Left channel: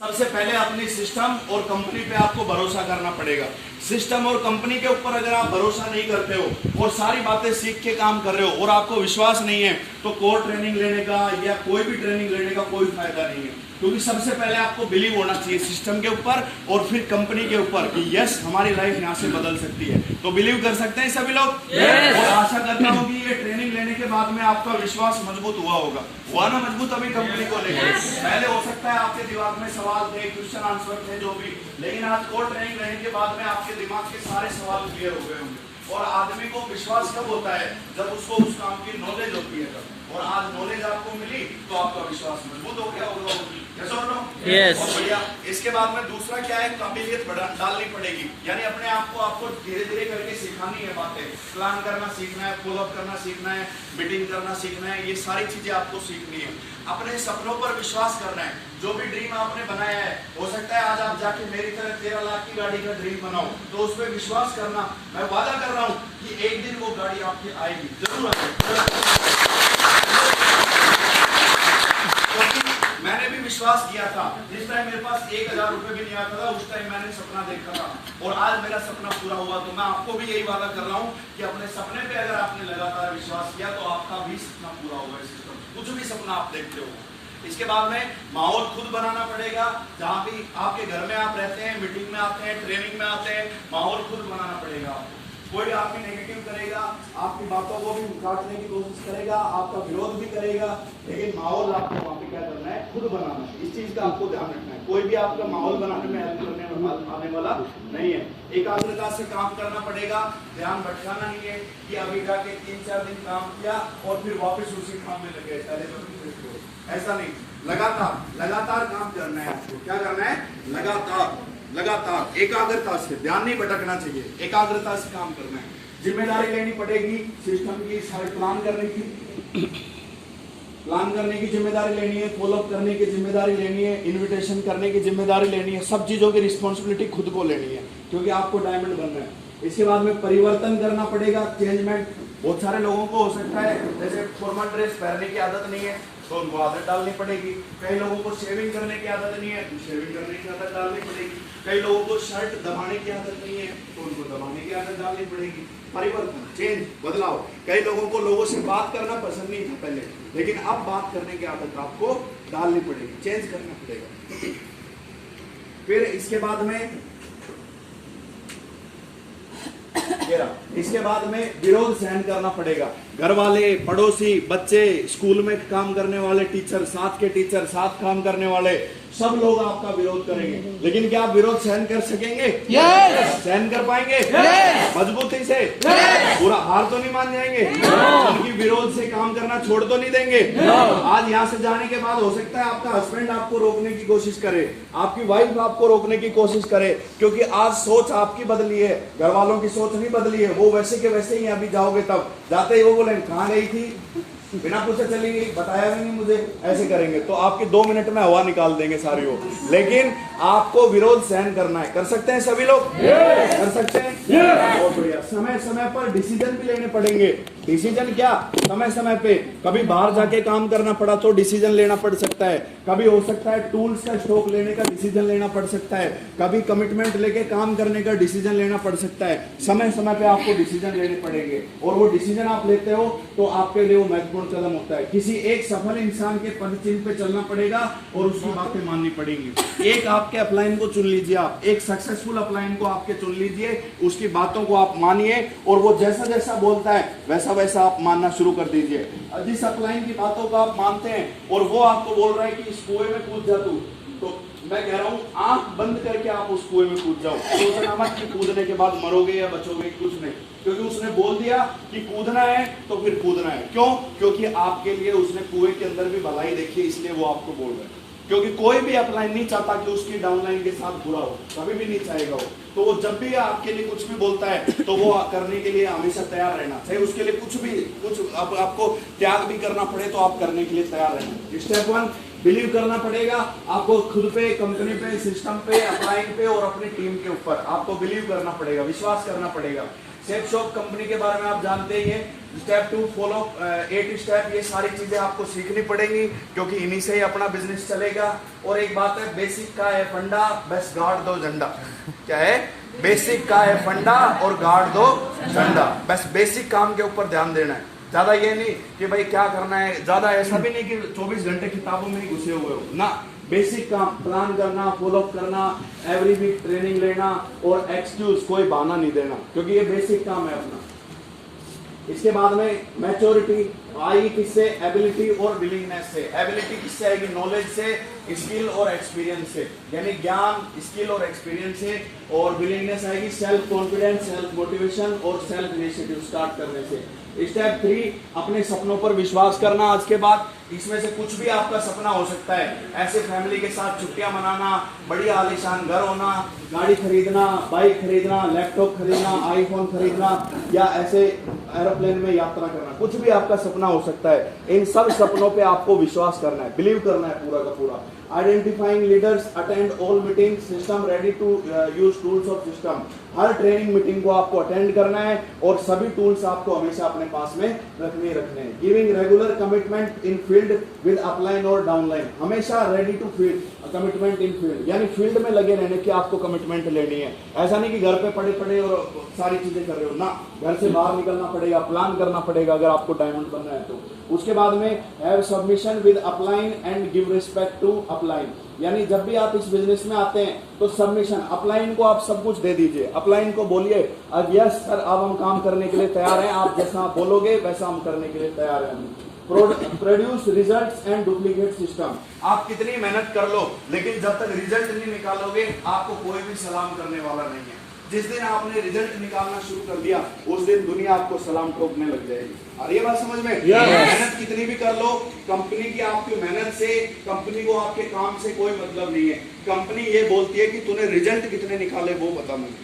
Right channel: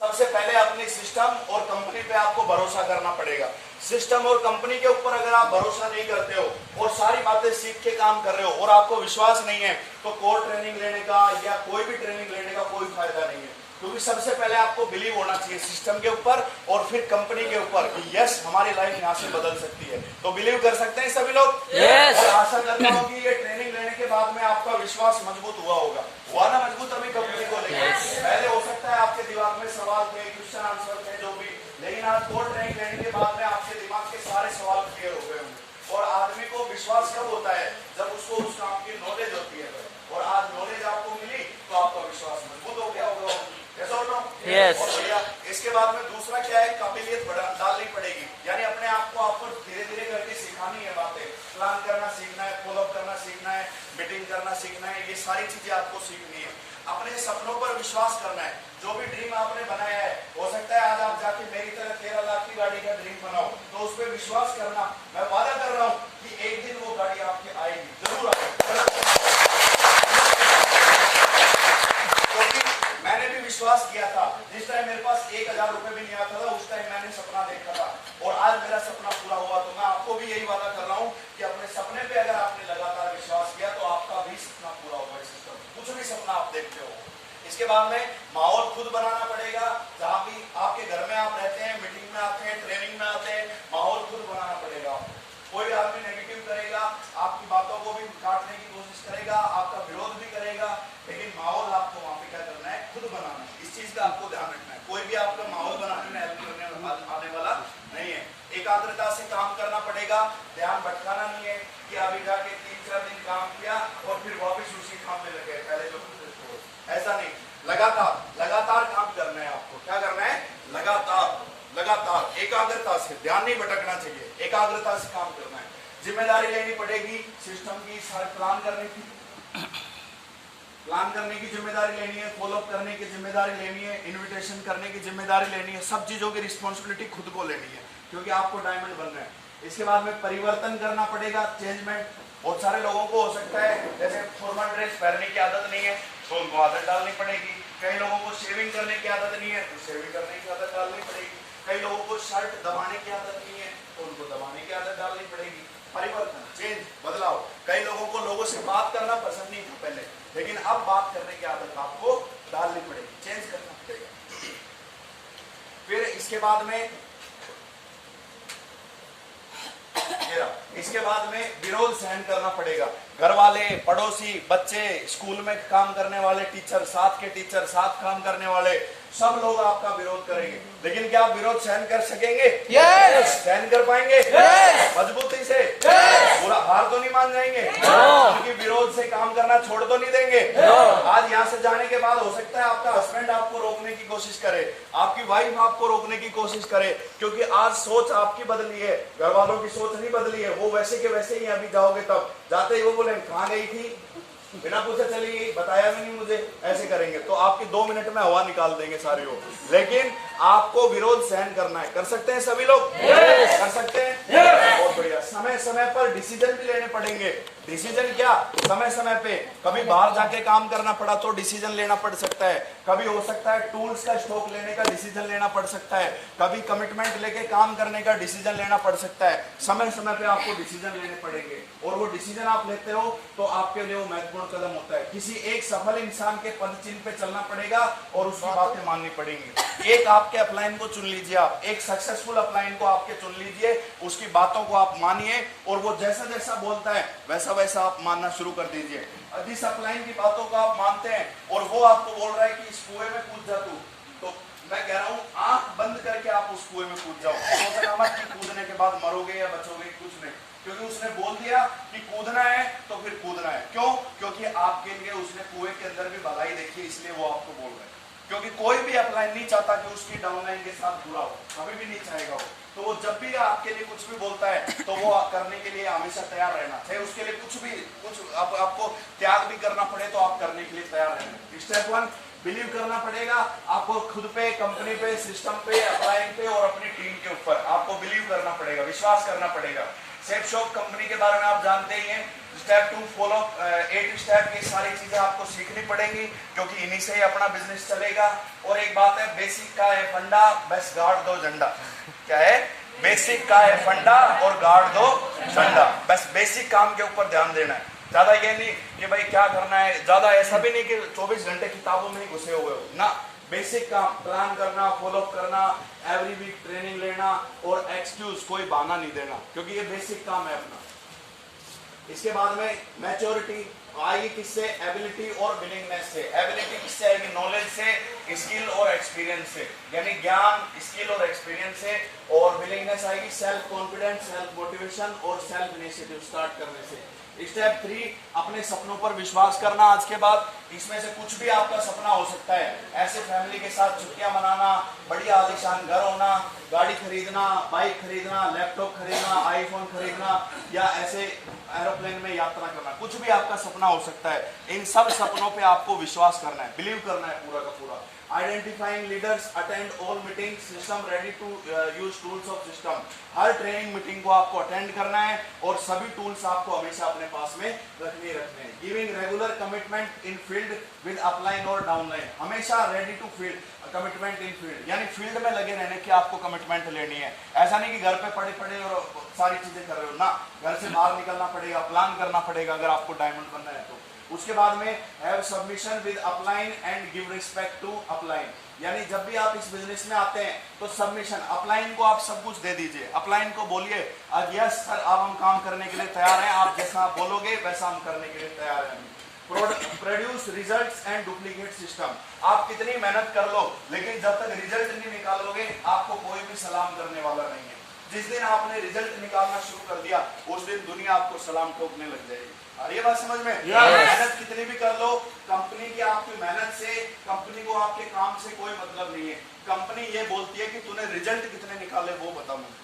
सबसे पहले अपनी सिस्टम और कंपनी पे आपको भरोसा करना पड़ेगा। सिस्टम और कंपनी के ऊपर अगर आप भरोसा नहीं करते हो और सारी बातें सीख के काम कर रहे हो और आपको विश्वास नहीं है, तो कोर ट्रेनिंग लेने का या कोई भी ट्रेनिंग लेने का कोई फायदा नहीं है। क्योंकि सबसे पहले आपको बिलीव होना चाहिए सिस्टम के ऊपर और फिर कंपनी के ऊपर कि यस, हमारी लाइफ यहाँ से बदल सकती है। तो बिलीव कर सकते हैं सभी लोग। और आशा करता हूँ कि ये ट्रेनिंग लेने के बाद में आपका विश्वास मजबूत हुआ ना मजबूत, अभी कंपनी को लेकर। पहले हो सकता है आपके दिमाग में सवाल थे, क्वेश्चन आंसर थे, जो भी, लेकिन आज कोर ट्रेनिंग लेने के बाद में आपके दिमाग के सारे सवाल क्लियर हो गए होंगे। और आदमी को विश्वास कब होता है? जब उसको उस काम की नॉलेज होती है। और आज नॉलेज आपको मिली तो आपका विश्वास मजबूत हो गया होगा। Yes. और भैया इसके बाद में दूसरा क्या है, काबिलियत डालनी पड़ेगी। यानी अपने आप को आपको धीरे धीरे करके सिखानी है बातें। प्लान करना सीखना है, फॉलोअप करना सीखना है, मीटिंग करना सीखना है, ये सारी चीजें आपको सीखनी है। अपने सपनों पर विश्वास करना है। जो भी ड्रीम आपने बनाया है, हो सकता है आज आप जाके मेरी तरह 13 लाख की गाड़ी का ड्रीम बनाओ, तो उस पर विश्वास करना। मैं वादा कर रहा हूँ कि एक दिन वो गाड़ी आपकी आएगी, जरूर आएगी। मैंने भी विश्वास किया था। जिस टाइम मेरे पास 1000 रुपए भी नहीं आता था, उस टाइम मैंने सपना देखा था और आज मेरा सपना पूरा हुआ। तो मैं आपको भी यही वादा कर रहा हूँ कि अपने सपने पे अगर आपने लगातार विश्वास किया तो आपका भी सपना पूरा होगा। कुछ भी सपना आप देखते हो। इसके बाद में माहौल खुद बनाना पड़ेगा। जहाँ भी आपके घर में आप रहते हैं, मीटिंग में आते हैं, ट्रेनिंग में आते हैं, माहौल खुद बनाना पड़ेगा आपको। कोई आपकी नेगेटिव करेगा, आपकी बातों को भी काटने की कोशिश करेगा, आपका विरोध भी करेगा, लेकिन माहौल आपको वहां पे क्या करना है? खुद बनाना है। इस चीज का आपको ध्यान रखना है। कोई भी आपका माहौल बनाने में हेल्प करने आने वाला नहीं है। एकाग्रता से काम करना पड़ेगा। ध्यान भटकाना नहीं है कि अभी जाके 3-4 दिन काम किया और फिर वापस उसी काम में लगे। पहले तो ऐसा नहीं, लगातार काम करना है आपको। क्या करना है? लगातार एकाग्रता से, ध्यान नहीं भटकना चाहिए, एकाग्रता से काम करना है। जिम्मेदारी लेनी पड़ेगी सिस्टम की, सारे प्लान करने की जिम्मेदारी लेनी है, फॉलोअप करने की जिम्मेदारी लेनी है, इनविटेशन करने की जिम्मेदारी लेनी है। सब चीजों की रिस्पॉन्सिबिलिटी खुद को लेनी है, क्योंकि आपको डायमंड बनना है। इसके बाद में परिवर्तन करना पड़ेगा, चेंजमेंट। बहुत सारे लोगों को हो सकता है जैसे फॉर्मल ड्रेस पहनने की आदत नहीं है, तो उनको आदत डालनी पड़ेगी। कई लोगों को शेविंग करने की आदत नहीं है, तो शेविंग करने की आदत डालनी पड़ेगी। कई लोगों को शर्ट दबाने की आदत नहीं है, तो उनको दबाने की आदत डालनी पड़ेगी। परिवर्तन, चेंज, बदलाव। कई लोगों को लोगों से बात करना पसंद नहीं था पहले, लेकिन अब बात करने की आदत आपको डालनी पड़ेगी, चेंज करना पड़ेगा। फिर इसके बाद में विरोध सहन करना पड़ेगा। घर वाले, पड़ोसी, बच्चे, स्कूल में काम करने वाले टीचर, साथ के टीचर, साथ काम करने वाले, सब लोग आपका विरोध करेंगे। लेकिन क्या आप विरोध सहन कर सकेंगे? सहन कर पाएंगे? मजबूती से? पूरा हार तो नहीं मान जाएंगे? उनकी विरोध से काम करना छोड़ तो नहीं देंगे? आज यहाँ से जाने के बाद हो सकता है आपका हस्बैंड आपको रोकने की कोशिश करे, आपकी वाइफ आपको रोकने की कोशिश करे, क्योंकि आज सोच आपकी बदली है, घर वालों की सोच नहीं बदली है। वो वैसे के वैसे ही अभी जाओगे, तब जाते ही वो बोले कहाँ गई थी, बिना पूछे चली गई, बताया भी नहीं मुझे, ऐसे करेंगे तो आपके 2 मिनट में हवा निकाल देंगे सारी हो। लेकिन आपको विरोध सहन करना है। कर सकते हैं सभी लोग? कर सकते हैं। बहुत बढ़िया। समय समय पर डिसीजन भी लेने पड़ेंगे। डिसीजन क्या? समय समय पे कभी बाहर जाके काम करना पड़ा तो डिसीजन लेना पड़ सकता है। कभी हो सकता है टूल्स का स्टॉक लेने का डिसीजन लेना पड़ सकता है। कभी कमिटमेंट लेके काम करने का डिसीजन लेना पड़ सकता है। समय समय पे आपको डिसीजन लेने पड़ेंगे और वो डिसीजन आप लेते हो तो आपके लिए वो महत्वपूर्ण कदम होता है। किसी एक सफल इंसान के पद चिन्ह पे चलना पड़ेगा और उसकी बातें माननी पड़ेंगी। एक आपके अपलाइन को चुन लीजिए, आप एक सक्सेसफुल अपलाइन को आपके चुन लीजिए, उसकी बातों को आप मानिए और वो जैसा जैसा बोलता है वैसा वैसा आप मानना शुरू कर दीजिए। जिस अपलाइन की बातों को आप मानते हैं और वो आपको बोल रहा है कि इस कुएं में कूद जा तू, तो मैं कह रहा हूँ आंख बंद करके आप उस कुएं में कूद जाओ। सोचना मत कि कूदने के बाद मरोगे या बचोगे, कुछ नहीं, क्योंकि उसने बोल दिया कि कूदना है तो फिर कूदना है। क्यों? क्योंकि आपके लिए उसने कुएं के अंदर भी भलाई देखी, इसलिए वो आपको बोल रहा है। क्योंकि कोई भी अपलाइन नहीं चाहता कि उसकी डाउनलाइन के साथ बुरा हो, कभी भी नहीं चाहेगा वो। तो वो जब भी आपके लिए कुछ भी बोलता है तो वो करने के लिए हमेशा तैयार रहना चाहिए। उसके लिए कुछ आपको त्याग भी करना पड़े तो आप करने के लिए तैयार रहना। स्टेप 1, बिलीव करना पड़ेगा आपको खुद पे, कंपनी पे, सिस्टम पे, अपलाइन पे और अपनी टीम के ऊपर आपको बिलीव करना पड़ेगा, विश्वास करना पड़ेगा। सेफ शॉप कंपनी के बारे में आप जानते ही हैं। स्टेप 2 फॉलो 8 स्टेप, ये सारी चीजें आपको सीखनी पड़ेंगी क्योंकि इन्हीं से ही अपना बिजनेस चलेगा। और एक बात है, बेसिक का है फंडा, बस गार्ड दो झंडा। क्या है? बेसिक का है फंडा और गार्ड दो झंडा। बस बेसिक काम के ऊपर ध्यान देना है, ज्यादा ये नहीं कि भाई क्या करना है, ज्यादा ऐसा भी नहीं कि 24 घंटे किताबों में ही घुसे हुए हो ना। बेसिक काम, प्लान करना, फॉलो करना, एवरी वीक ट्रेनिंग लेना और एक्सक्यूज, कोई बहाना नहीं देना, क्योंकि ये बेसिक काम है अपना। इसके बाद में मैच्योरिटी आएगी किससे? एबिलिटी और विलिंगनेस से। एबिलिटी किससे आएगी? नॉलेज से, स्किल और एक्सपीरियंस से, यानी ज्ञान, स्किल और एक्सपीरियंस से। और विलिंगनेस आएगी सेल्फ कॉन्फिडेंस, सेल्फ मोटिवेशन और सेल्फ इनिशिएटिव स्टार्ट करने से। स्टेप 3 अपने सपनों पर विश्वास करना। आज के बाद इसमें से कुछ भी आपका सपना हो सकता है, ऐसे फैमिली के साथ छुट्टियां मनाना, बढ़िया आलीशान घर होना, गाड़ी खरीदना, बाइक खरीदना, लैपटॉप खरीदना, आईफोन खरीदना, या ऐसे एरोप्लेन में यात्रा करना, कुछ भी आपका सपना हो सकता है। इन सब सपनों पे आपको विश्वास करना है, बिलीव करना है पूरा का पूरा। Identifying leaders, attend all meeting, system ready to use tools of system. हर ट्रेनिंग मीटिंग को आपको अटेंड करना है और सभी टूल्स आपको हमेशा अपने पास में रखने हैं। Giving regular commitment in field with upline और डाउनलाइन, हमेशा ready to field commitment in field, यानी फील्ड में लगे रहने की आपको कमिटमेंट लेनी है। ऐसा नहीं कि घर पे पड़े पड़े और सारी चीजें कर रहे हो ना, घर से बाहर निकलना पड़ेगा, प्लान करना पड़ेगा अगर आपको डायमंड बनना है तो। उसके बाद में have submission with upline and give respect to upline, यानी जब भी आप इस बिजनेस में आते हैं तो सबमिशन, अपलाइन को आप सब कुछ दे दीजिए। अपलाइन को बोलिए यस सर, अब हम काम करने के लिए तैयार हैं, आप जैसा आप बोलोगे वैसा हम करने के लिए तैयार हैं। Produce results and duplicate system, आप कितनी मेहनत कर लो लेकिन जब तक रिजल्ट नहीं निकालोगे आपको कोई भी सलाम करने वाला नहीं है। जिस दिन आपने रिजल्ट निकालना शुरू कर दिया उस दिन दुनिया आपको सलाम ठोकने लग जाएगी। और ये बात समझ में? मेहनत कितनी भी कर लो, कंपनी की आपकी मेहनत से, कंपनी को आपके काम से कोई मतलब नहीं है। कंपनी ये बोलती है कि तूने रिजल्ट कितने निकाले वो बता मुझे।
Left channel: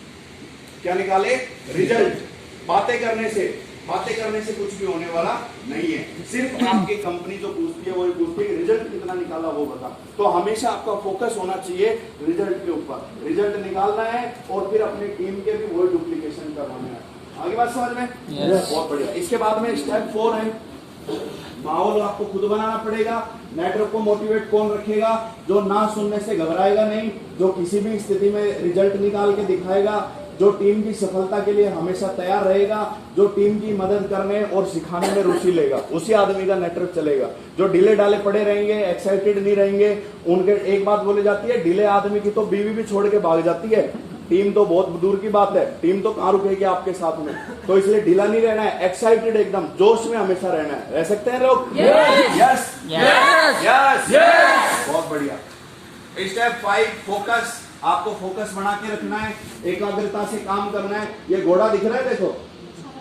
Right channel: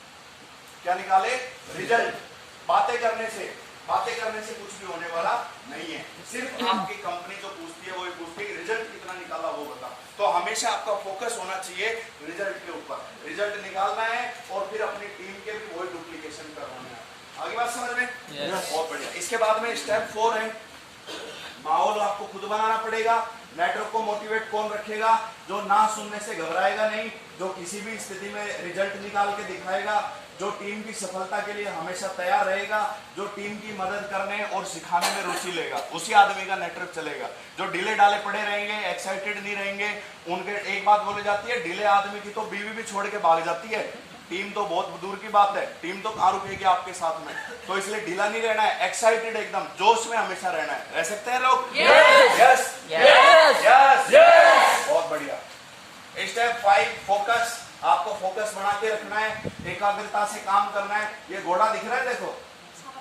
क्या निकाले? रिजल्ट। बातें करने से कुछ भी होने वाला नहीं है। सिर्फ आपकी कंपनी जो पूछती है वो पूछती है रिजल्ट कितना निकाला वो बता। तो हमेशा आपका फोकस होना चाहिए रिजल्ट के ऊपर, रिजल्ट निकालना है और फिर अपनी टीम के भी वही डुप्लीकेशन करवाना है। आगे बात समझ में? बहुत बढ़िया। इसके बाद में स्टेप 4 है, माहौल आपको खुद बनाना पड़ेगा। नेटवर्क को मोटिवेट कौन रखेगा? जो ना सुनने से घबराएगा नहीं, जो किसी भी स्थिति में रिजल्ट निकाल के दिखाएगा, जो टीम की सफलता के लिए हमेशा तैयार रहेगा, जो टीम की मदद करने और सिखाने में रुचि लेगा, उसी आदमी का नेटवर्क चलेगा। जो ढीले डाले पड़े रहेंगे, एक्साइटेड नहीं रहेंगे, उनके एक बात बोली जाती है, ढीले आदमी की तो बीवी भी छोड़ के भाग जाती है, टीम तो बहुत दूर की बात है, टीम तो कहां रुकेगी आपके साथ में। तो इसलिए ढीला नहीं रहना है, एक्साइटेड एकदम जोश में हमेशा रहना है। रह सकते हैं लोग? यस यस यस, बहुत बढ़िया। स्टेप 5 फोकस, आपको फोकस बना के रखना है, एकाग्रता से काम करना है। ये घोड़ा दिख रहा है, देखो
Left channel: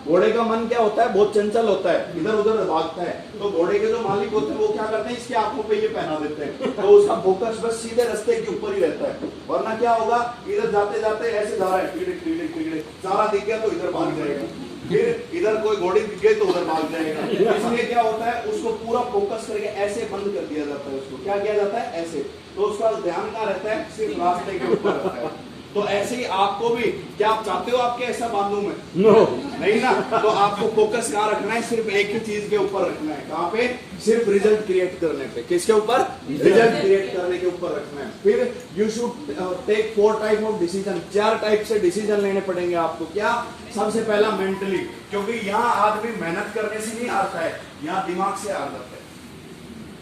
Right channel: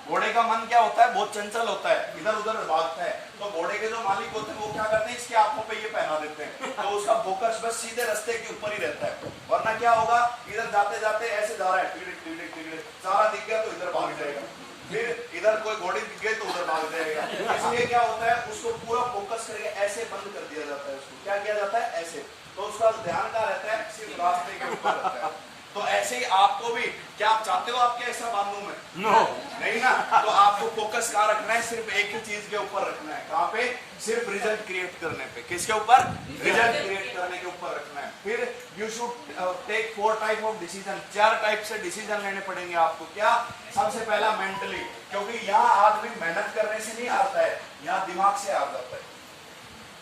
घोड़े का मन क्या होता है? बहुत चंचल होता है, इधर उधर भागता है। तो घोड़े के जो मालिक होते हैं वो क्या करते हैं? इसकी आंखों पे ये पहना देते हैं, तो उसका फोकस बस सीधे रास्ते के ऊपर ही रहता है। वरना क्या होगा, इधर जाते जाते ऐसे जा रहा है, टिगड़े सारा दिख गया तो इधर भाग जाएगा, फिर इधर कोई घोड़ी दिख गई तो उधर भाग जाएगा। इसलिए क्या होता है, उसको पूरा फोकस करके ऐसे बंद कर दिया जाता है। उसको क्या किया जाता है? ऐसे। तो उसका ध्यान कहाँ रहता है? सिर्फ रास्ते के ऊपर रहता है। तो ऐसे ही आपको भी, क्या आप चाहते हो आपके ऐसा बांधो में? नो नहीं ना। तो आपको फोकस कहाँ रखना है? सिर्फ एक ही चीज के ऊपर रखना है। कहाँ पे? सिर्फ रिजल्ट क्रिएट करने पे। किसके ऊपर? रिजल्ट क्रिएट करने के ऊपर रखना है। फिर you should take 4 type of decision, 4 type से डिसीजन लेने पड़ेंगे आपको। क्या? सबसे पहला मेंटली, क्योंकि यहाँ आदमी मेहनत करने से नहीं हारता है, यहाँ दिमाग से हार जाता है।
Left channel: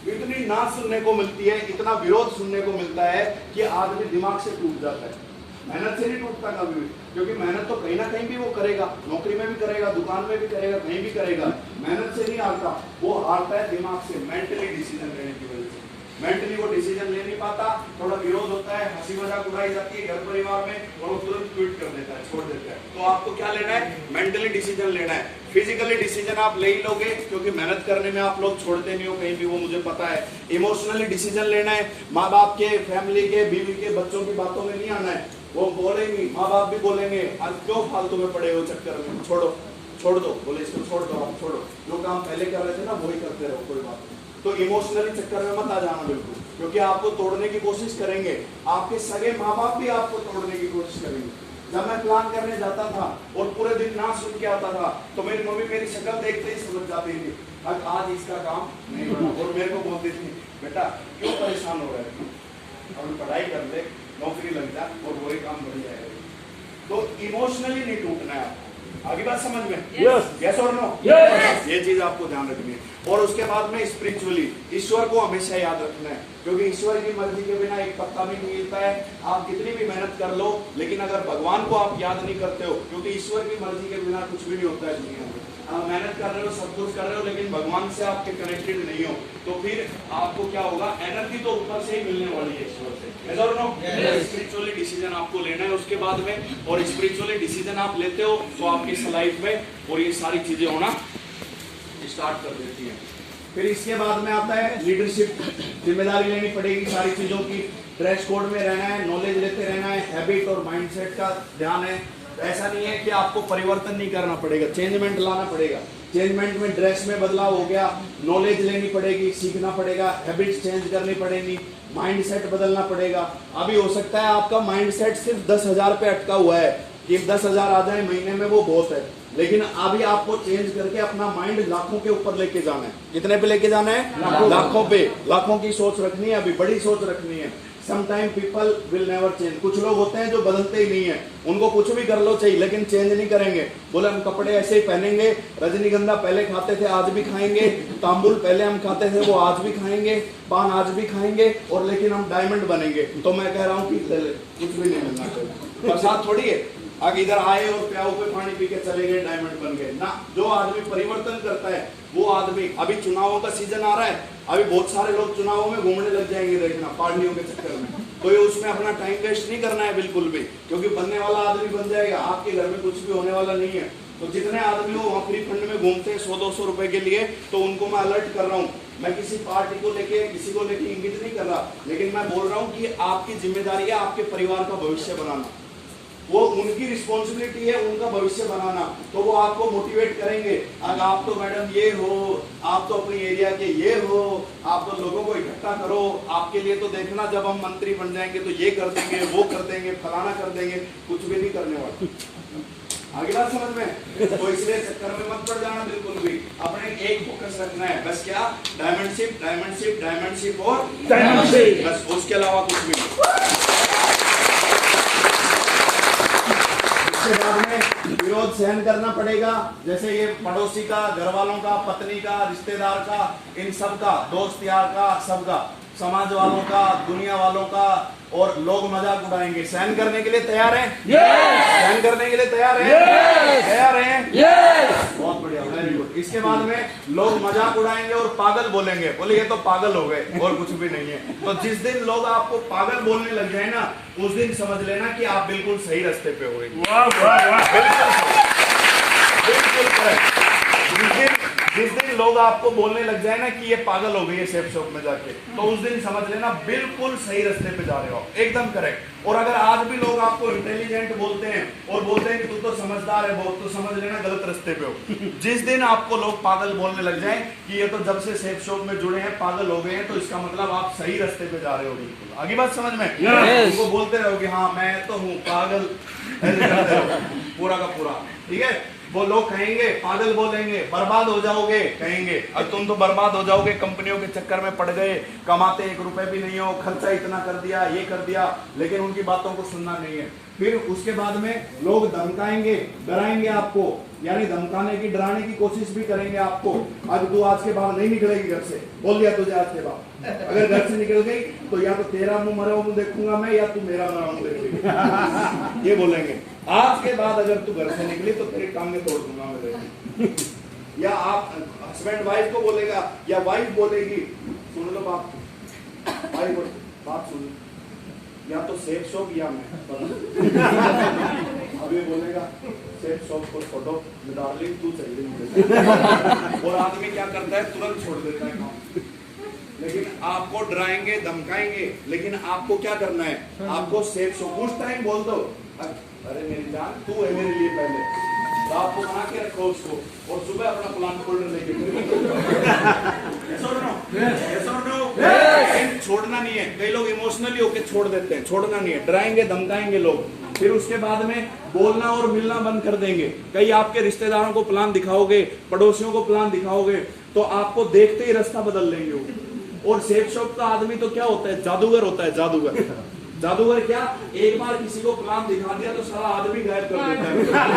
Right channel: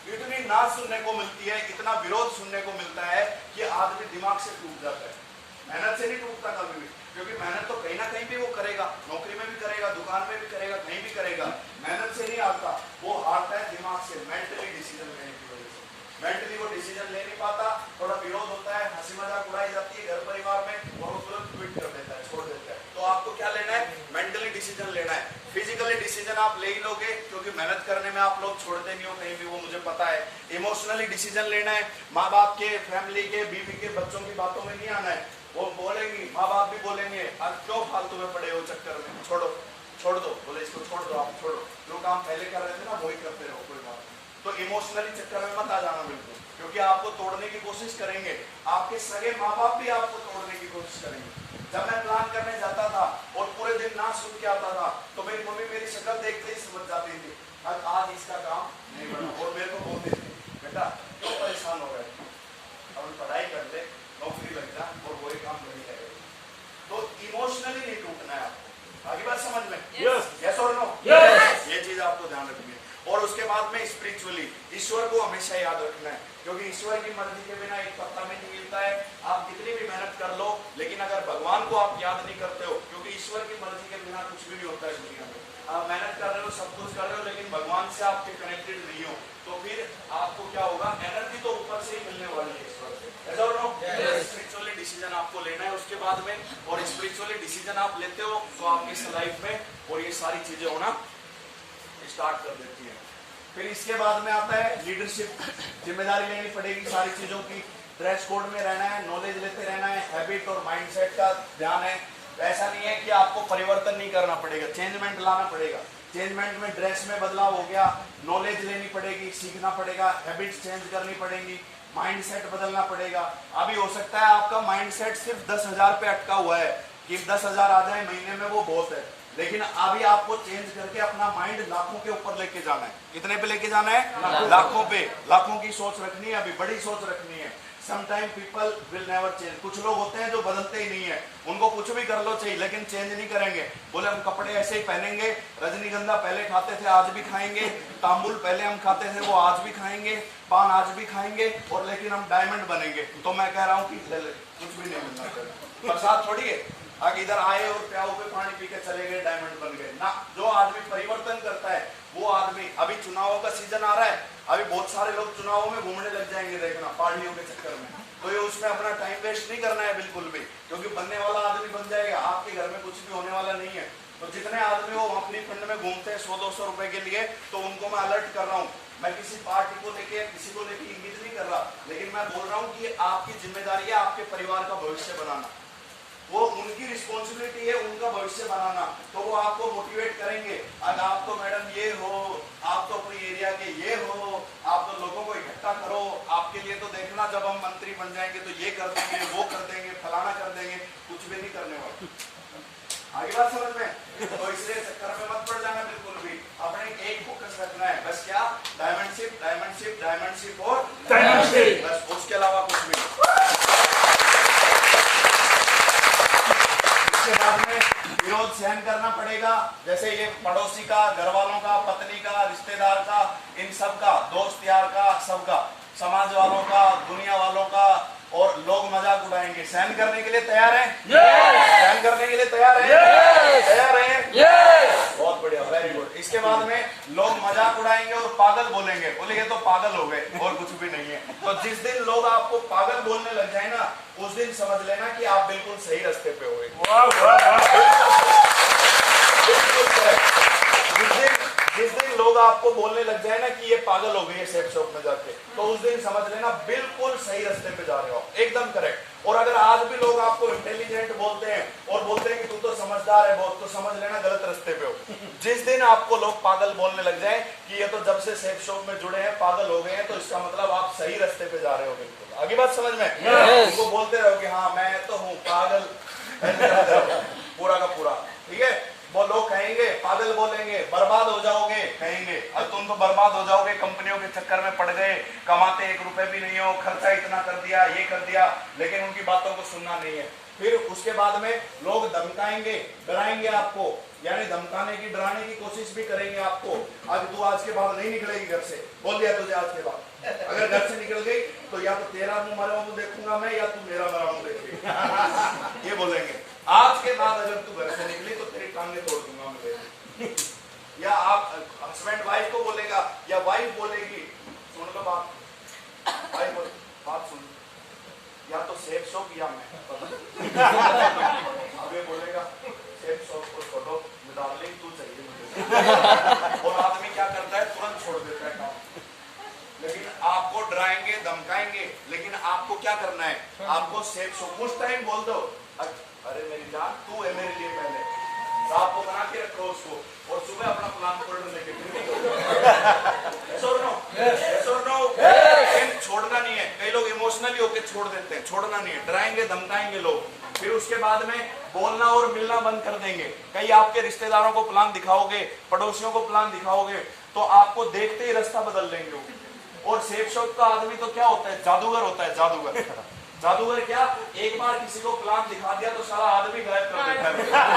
इतनी ना सुनने को मिलती है, इतना विरोध सुनने को मिलता है कि आदमी दिमाग से टूट जाता है। मेहनत से नहीं टूटता कभी भी, क्योंकि मेहनत तो कहीं ना कहीं भी वो करेगा, नौकरी में भी करेगा, दुकान में भी करेगा, कहीं भी करेगा। मेहनत से नहीं हारता, वो हारता है दिमाग से, मेंटली डिसीजन लेने की वजह से। मेंटली वो डिसीजन ले नहीं पाता, थोड़ा विरोध होता है, हंसी मजाक उड़ाई जाती है घर परिवार में, और वो तुरंत ट्वीट कर देता है, छोड़ देता है। तो आपको क्या लेना है? मेंटली डिसीजन लेना है। फिजिकली डिसीजन आप ले ही लोगे, क्योंकि मेहनत करने में आप लोग छोड़ते नहीं हो कहीं भी, वो मुझे पता है। इमोशनली डिसीजन लेना है, माँ बाप के, फैमिली के, बीवी के, बच्चों की बातों में नहीं आना है। वो बोलेंगी, माँ बाप भी बोलेंगे, अब क्यों फालतू में पड़े हो चक्कर में, छोड़ दो, बोले इसको छोड़ दो, आप छोड़ो, जो काम पहले कर रहे थे ना वही करते रहो, कोई बात नहीं। तो इमोशनली चक्कर में मत आ जाना बिल्कुल, क्योंकि आपको तोड़ने की कोशिश करेंगे, आपके सगे माँ बाप भी आपको तोड़ने की कोशिश करेंगे। जब मैं प्लान करने जाता था और पूरे दिन ना सुन के आता था तो मेरी मम्मी मेरी शक्ल देखते ही समझ जाती थी आज इसका काम नहीं बना, और मेरे को बोलती थी बेटा क्यों परेशान हो रहा है, अब पढ़ाई कर ले, नौकरी लग जा और वही काम बन जाएगा। तो इमोशनली नहीं टूटना है आपको। आगे बात समझ में? यस और नो? ये चीज आपको ध्यान रखनी है। और उसके बाद में स्पिरिचुअली ईश्वर को हमेशा याद रखना है, क्योंकि ईश्वर की मर्जी के बिना एक पत्ता भी नहीं मिलता है। आप कितनी भी मेहनत कर लो, लेकिन अगर भगवान को आप याद नहीं करते हो, क्योंकि ईश्वर की मर्जी के बिना कुछ भी नहीं होता है दुनिया में। आप मेहनत कर रहे हो, सब कुछ कर रहे हो, लेकिन भगवान से आपके कनेक्टेड नहीं हो, तो फिर आपको क्या होगा, एनर्जी तो ऊपर से ही मिलने वाली है ईश्वर से। स्पिरिचुअली डिसीजन आपको लेना है उसके बाद में, और स्पिरिचुअली डिसीजन आप लेते हो तो आपकी इस लाइफ में और ये सारी चीजें होना स्टार्ट कर देती है। फिर इसके बाद में आता है लीडरशिप, जिम्मेदारी लेनी पड़ेगी सारी चीजों की, ड्रेस कोड में रहना है, नॉलेज लेते रहना है, हैबिट और माइंडसेट का ध्यान है। ऐसा नहीं है कि आपको परिवर्तन नहीं करना पड़ेगा, चेंजमेंट लाना पड़ेगा। चेंजमेंट में ड्रेस में बदलाव हो गया, नॉलेज लेनी पड़ेगी, सीखना पड़ेगा, हैबिट्स चेंज करनी पड़ेगी, माइंडसेट बदलना पड़ेगा। अभी हो सकता है आपका माइंडसेट सिर्फ 10,000 पे अटका हुआ है कि 10,000 आ जाए महीने में, वो बहुत है, लेकिन अभी आपको चेंज करके अपना माइंड लाखों के ऊपर लेके जाना है। कितने पे लेके जाना है? लाखों पे। लाखों की सोच रखनी है, अभी बड़ी सोच रखनी है। Sometime people will never change. कुछ लोग होते हैं जो बदलते ही नहीं है, उनको कुछ भी कर लो चाहिए लेकिन चेंज नहीं करेंगे। बोले हम कपड़े ऐसे ही पहनेंगे, रजनीगंधा पहले खाते थे आज भी खाएंगे, तांबुल पहले हम खाते थे वो आज भी खाएंगे, पान आज भी खाएंगे, और लेकिन हम डायमंड बनेंगे। तो मैं कह रहा हूँ कि कुछ भी नहीं मिलना चाहिए। बरसात थोड़ी है अगर इधर आए और प्याऊ पे पानी पी के चले गए डायमंड बन गए ना। जो आदमी परिवर्तन करता है वो आदमी, अभी चुनावों का सीजन आ रहा है, अभी बहुत सारे लोग चुनावों में घूमने लग जाएंगे, देखना पार्टियों के चक्कर में। तो ये उसमें अपना टाइम वेस्ट नहीं करना है बिल्कुल भी, क्योंकि बनने वाला आदमी बन जाएगा, आपके घर में कुछ भी होने वाला नहीं है। तो जितने आदमी वो वहाँ फ्री फंड में घूमते हैं 100-200 रुपए के लिए, तो उनको मैं अलर्ट कर रहा हूँ। मैं किसी पार्टी को लेके किसी को लेके इंगित नहीं कर रहा, लेकिन मैं बोल रहा हूँ कि आपकी जिम्मेदारी है आपके परिवार का भविष्य बनाना, वो उनकी रिस्पॉन्सिबिलिटी है उनका भविष्य बनाना। तो वो आपको मोटिवेट करेंगे, अगर आप तो मैडम ये हो, आप तो अपनी एरिया के ये हो, आप तो लोगों को इकट्ठा करो, आपके लिए तो देखना जब हम मंत्री बन जाएंगे तो ये कर देंगे, वो कर देंगे, फलाना कर देंगे, कुछ भी नहीं करने वाले। आगे बात समझ में? तो इसलिए चक्कर में मत पड़ जाना बिल्कुल भी, अपने एक फोकस रखना है बस, क्या? डायमंडशिप, डायमंडशिप, डायमंडशिप और डायमंडशिप, बस, उसके अलावा कुछ भी नहीं। इसके बाद में विरोध सहन करना पड़ेगा, जैसे ये पड़ोसी का, घर वालों का, पत्नी का, रिश्तेदार का, इन सब का, दोस्त यार का, सबका, समाज वालों का, दुनिया वालों का, और लोग मजाक उड़ाएंगे। सहन करने के लिए तैयार हैं? सहन करने के लिए तैयार हैं? तैयार हैं? बहुत बढ़िया, वेरी गुड। इसके बाद में लोग मजाक उड़ाएंगे और पागल बोलेंगे, बोले ये तो पागल हो गए और कुछ भी नहीं है। तो जिस दिन लोग आपको पागल बोलने लग जाए ना, उस दिन समझ लेना कि आप बिल्कुल सही रास्ते पे हो। बिल्कुल करेक्ट। जिस दिन लोग आपको बोलने लग जाए ना कि ये पागल हो गई है सेफ शॉप में जाके, तो उस दिन समझ लेना बिल्कुल सही रास्ते पे जा रहे हो, एकदम करेक्ट। और अगर आज भी लोग आपको इंटेलिजेंट बोलते हैं और बोलते हैं कि तू तो समझदार है बहुत, तो समझ लेना गलत रास्ते पे हो। जिस दिन आपको लोग पागल बोलने लग जाए कि ये तो जब से सेफ शॉप में जुड़े हैं पागल हो गए हैं, तो इसका मतलब आप सही रास्ते पे जा रहे हो बिल्कुल। आगे बात समझ में? उनको बोलते रहोगे हाँ मैं तो हूँ पागल, पूरा का पूरा, ठीक है। वो लोग कहेंगे, पागल बोलेंगे, बर्बाद हो जाओगे कहेंगे, अब तुम तो बर्बाद हो जाओगे, कंपनियों के चक्कर में पड़ गए, कमाते 1 रुपए भी नहीं हो, खर्चा इतना कर दिया, ये कर दिया, लेकिन उनकी बातों को सुनना नहीं है। फिर उसके बाद में लोग धमकाएंगे, डराएंगे आपको, यानी धमकाने की, डराने की कोशिश भी करेंगे आपको। आज तू आज के बाद नहीं निकलेगी घर से, बोल दिया तुझे आज के बाद, अगर घर से निकल गई तो या तो तेरा मुंह मरा मुंह देखूंगा मैं, या तू मेरा मरा मुंह देखेगी। ये बोलेंगे। आज के बाद अगर तू घर से निकली तो तेरी टांगें तोड़ दूंगा मैं। या आप हस्बैंड वाइफ को बोलेगा, या वाइफ बोलेगी, सुन लो बात, बात सुन, या तो सेफ शॉप या मैं। अब ये बोलेगा सेफ शॉप को छोड़ो, डार्लिंग तू चाहिए मुझे। और आदमी क्या करता है, तुरंत छोड़ देता है काम। लेकिन आपको डराएंगे, धमकाएंगे, लेकिन आपको क्या करना है, आपको सेफ शॉप उस टाइम बोल दो, अरे मेरी जान तू है मेरे लिए पहले, तो आपको बना के रखो उसको, और सुबह अपना प्लान फोल्डर लेके छोड़ना नहीं है, हैं, कई लोग इमोशनली होकर छोड़ देते हैं, छोड़ना नहीं है, डराएंगे धमकाएंगे लोग, फिर उसके बाद में बोलना और मिलना बंद कर देंगे। कई आपके रिश्तेदारों को प्लान दिखाओगे, पड़ोसियों को प्लान दिखाओगे, तो आपको देखते ही रास्ता बदल लेंगे वो। और सेफ शॉप का आदमी तो क्या होता है, जादूगर होता है, जादूगर। जादूगर क्या, एक बार किसी को प्लान दिखा दिया तो सारा आदमी गायब कर देता है।